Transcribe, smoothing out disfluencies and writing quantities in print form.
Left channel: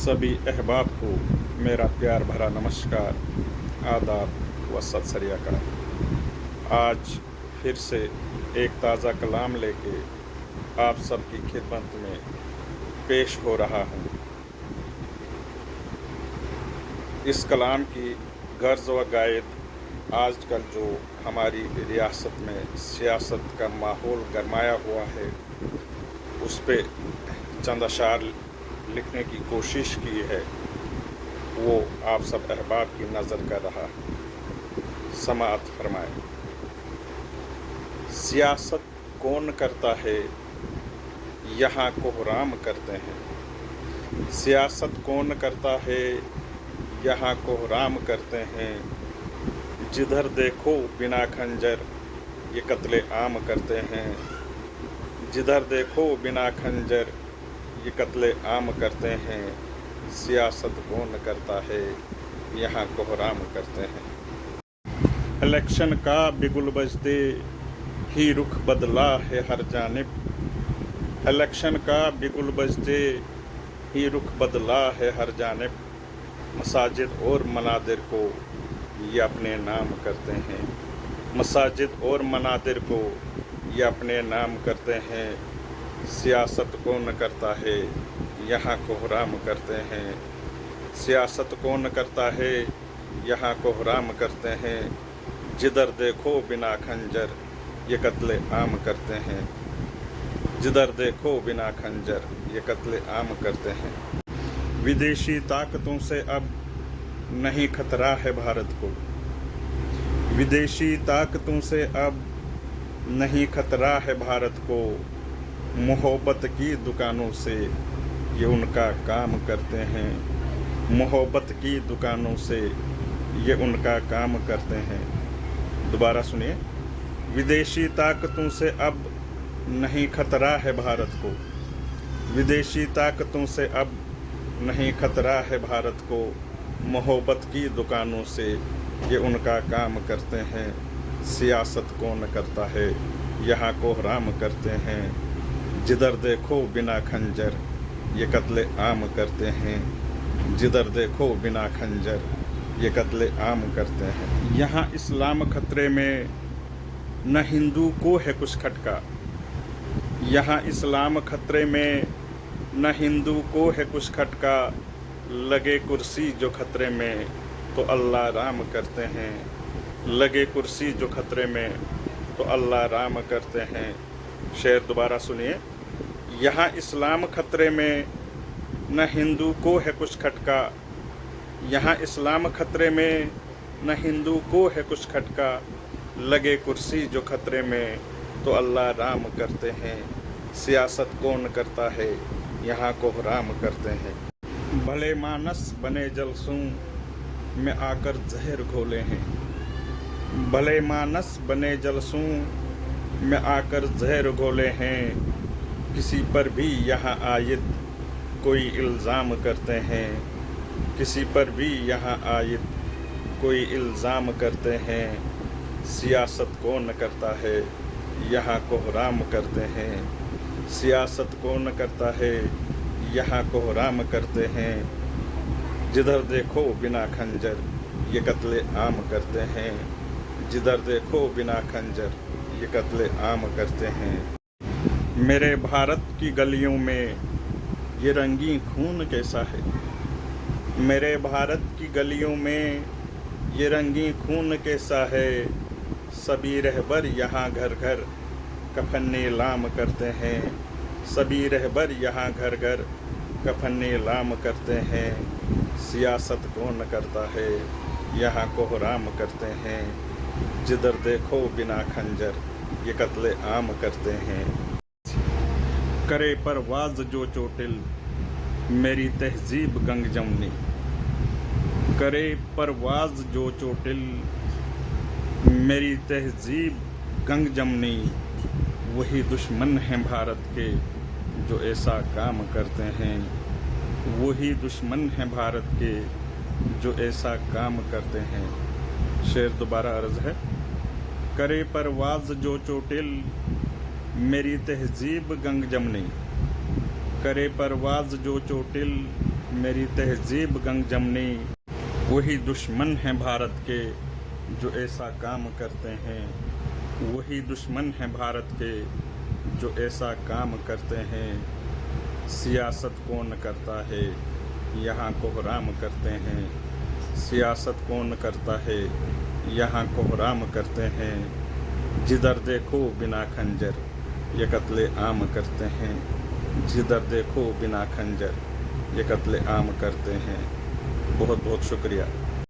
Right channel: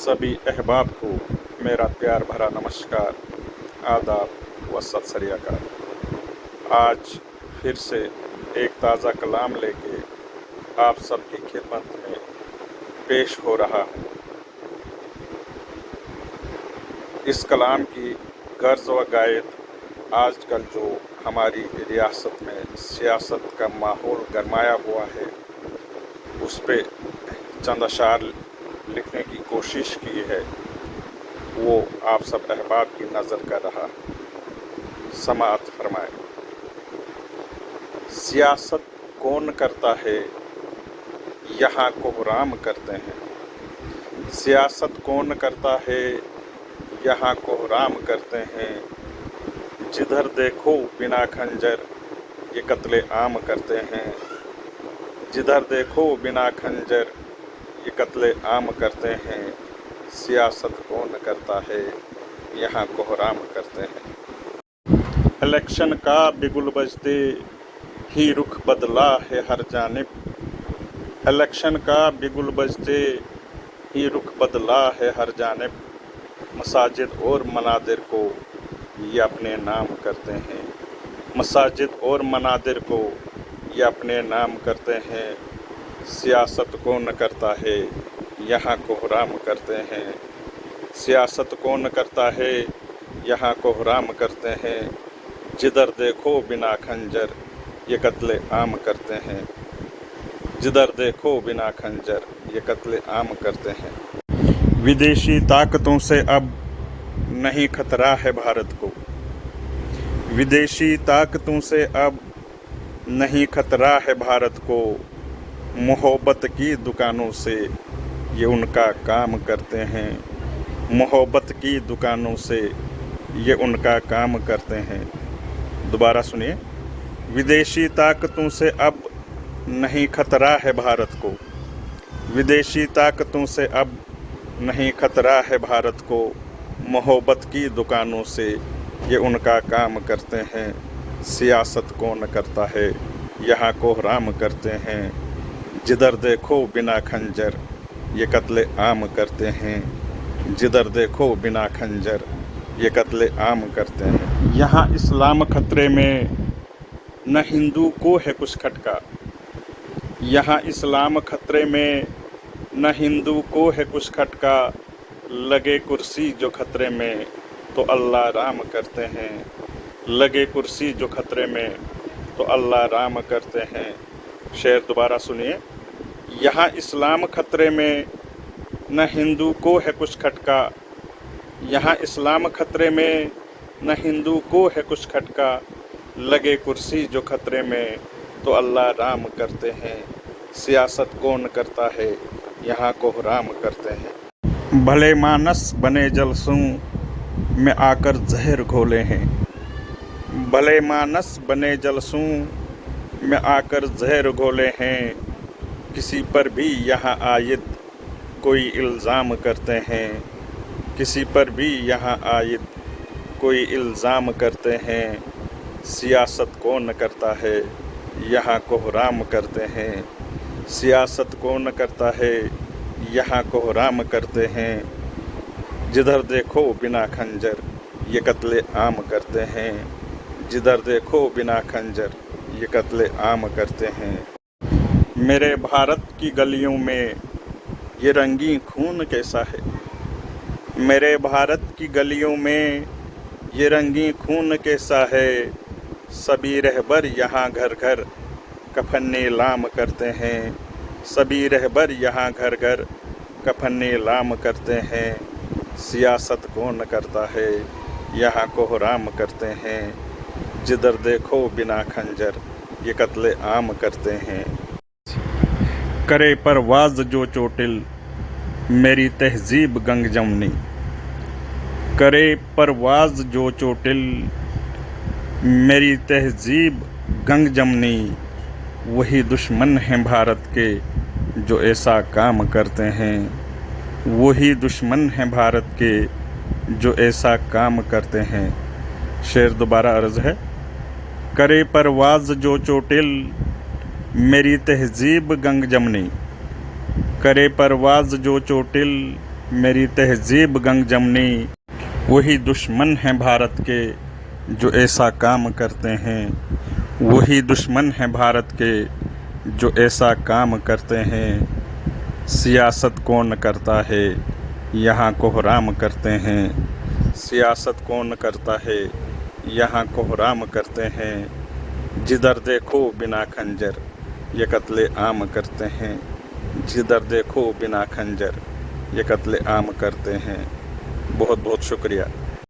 सभी अहबाब को मेरा प्यार भरा नमस्कार, आदाब व सत श्री अकाल। आज फिर से एक ताज़ा कलाम लेके आप सबकी खिदमत में पेश हो रहा हूँ। इस कलाम की गर्ज व गायद आजकल जो हमारी रियासत में सियासत का माहौल गरमाया हुआ है, उस पे चंद अशार लिखने की कोशिश की है, वो आप सब अहबाब की नज़र कर रहा है। समाअत फरमाए। सियासत कौन करता है, यहाँ कोहराम करते हैं। सियासत कौन करता है, यहाँ कोहराम करते हैं। जिधर देखो बिना खंजर ये कत्ले आम करते हैं। जिधर देखो बिना खंजर ये कत्ले आम करते हैं। सियासत कौन करता है, यहाँ कोहराम करते हैं। इलेक्शन का बिगुल बजते ही रुख बदला है हर जानिब। इलेक्शन का बिगुल बजते ही रुख बदला है हर जानिब। मसाजिद और मनादिर को ये अपने नाम करते हैं। मसाजिद और मनादिर को ये अपने नाम करते हैं। सियासत कौन करता है, यहाँ कोहराम करते हैं। सियासत कौन करता है, यहाँ कोहराम करते हैं। जिधर देखो बिना खंजर ये कत्ले आम करते हैं। जिधर देखो बिना खंजर ये कत्ले आम करते हैं। विदेशी ताकतों से अब नहीं खतरा है भारत को। विदेशी ताकतों से अब नहीं खतरा है भारत को। मोहब्बत की दुकानों से ये उनका काम करते हैं। मोहब्बत की दुकानों से ये उनका काम करते हैं। दोबारा सुनिए। विदेशी ताकतों से अब नहीं खतरा है भारत को। विदेशी ताकतों से अब नहीं खतरा है भारत को। मोहब्बत की दुकानों से ये उनका काम करते हैं। सियासत कौन करता है, यहाँ कोहराम करते हैं। जिधर देखो बिना खंजर ये कत्ले आम करते हैं। जिधर देखो बिना खंजर ये कत्ले आम करते हैं। यहाँ इस्लाम खतरे में न हिंदू को है कुछ खटका। यहाँ इस्लाम खतरे में न हिंदू को है कुछ खटका। लगे कुर्सी जो खतरे में तो अल्लाह राम करते हैं। लगे कुर्सी जो खतरे में तो अल्लाह राम करते हैं। शेर दोबारा सुनिए। यहाँ इस्लाम खतरे में न हिंदू को है कुछ खटका। यहाँ इस्लाम खतरे में न हिंदू को है कुछ खटका। लगे कुर्सी जो खतरे में तो अल्लाह राम करते हैं। सियासत कौन करता है, यहाँ कोहराम करते हैं। भले मानस बने जलसों में आकर जहर घोले हैं। भले मानस बने जलसों में आकर जहर घोले हैं। किसी पर भी यहाँ आयद कोई इल्ज़ाम करते हैं। किसी पर भी यहाँ आयद कोई इल्ज़ाम करते हैं। सियासत कौन करता है, यहाँ कोहराम करते हैं। सियासत कौन करता है, यहाँ कोहराम करते हैं। जिधर देखो बिना खंजर ये कत्ले आम करते हैं। जिधर देखो बिना खंजर ये कत्ले आम करते हैं। मेरे भारत की गलियों में ये रंगीन खून कैसा है। मेरे भारत की गलियों में ये रंगीन खून कैसा है। सभी रहबर यहाँ घर घर कफन नीलाम करते हैं। सभी रहबर यहाँ घर घर कफन नीलाम करते हैं। सियासत कौन करता है, यहाँ कोहराम करते हैं। जिधर देखो बिना खंजर ये कत्ले आम करते हैं। करे परवाज़ जो चोटिल मेरी तहज़ीब गंग जमनी। करे परवाज़ जो चोटिल मेरी तहज़ीब गंग जमनी। वही दुश्मन हैं भारत के जो ऐसा काम करते हैं। वही दुश्मन हैं भारत के जो ऐसा काम करते हैं। शेर दोबारा अर्ज़ है। करे परवाज़ जो चोटिल मेरी तहज़ीब गंग जमनी। करे परवाज़ जो चोटिल मेरी तहजीब गंग जमनी, वही दुश्मन हैं भारत के जो ऐसा काम करते हैं। वही दुश्मन हैं भारत के जो ऐसा काम करते हैं। सियासत कौन करता है यहाँ कोहराम करते हैं। सियासत कौन करता है यहाँ कोहराम करते हैं। जिधर देखो बिना खंजर ये कत्ले आम करते हैं। जिधर देखो बिना खंजर ये कत्ले आम करते हैं। बहुत बहुत शुक्रिया।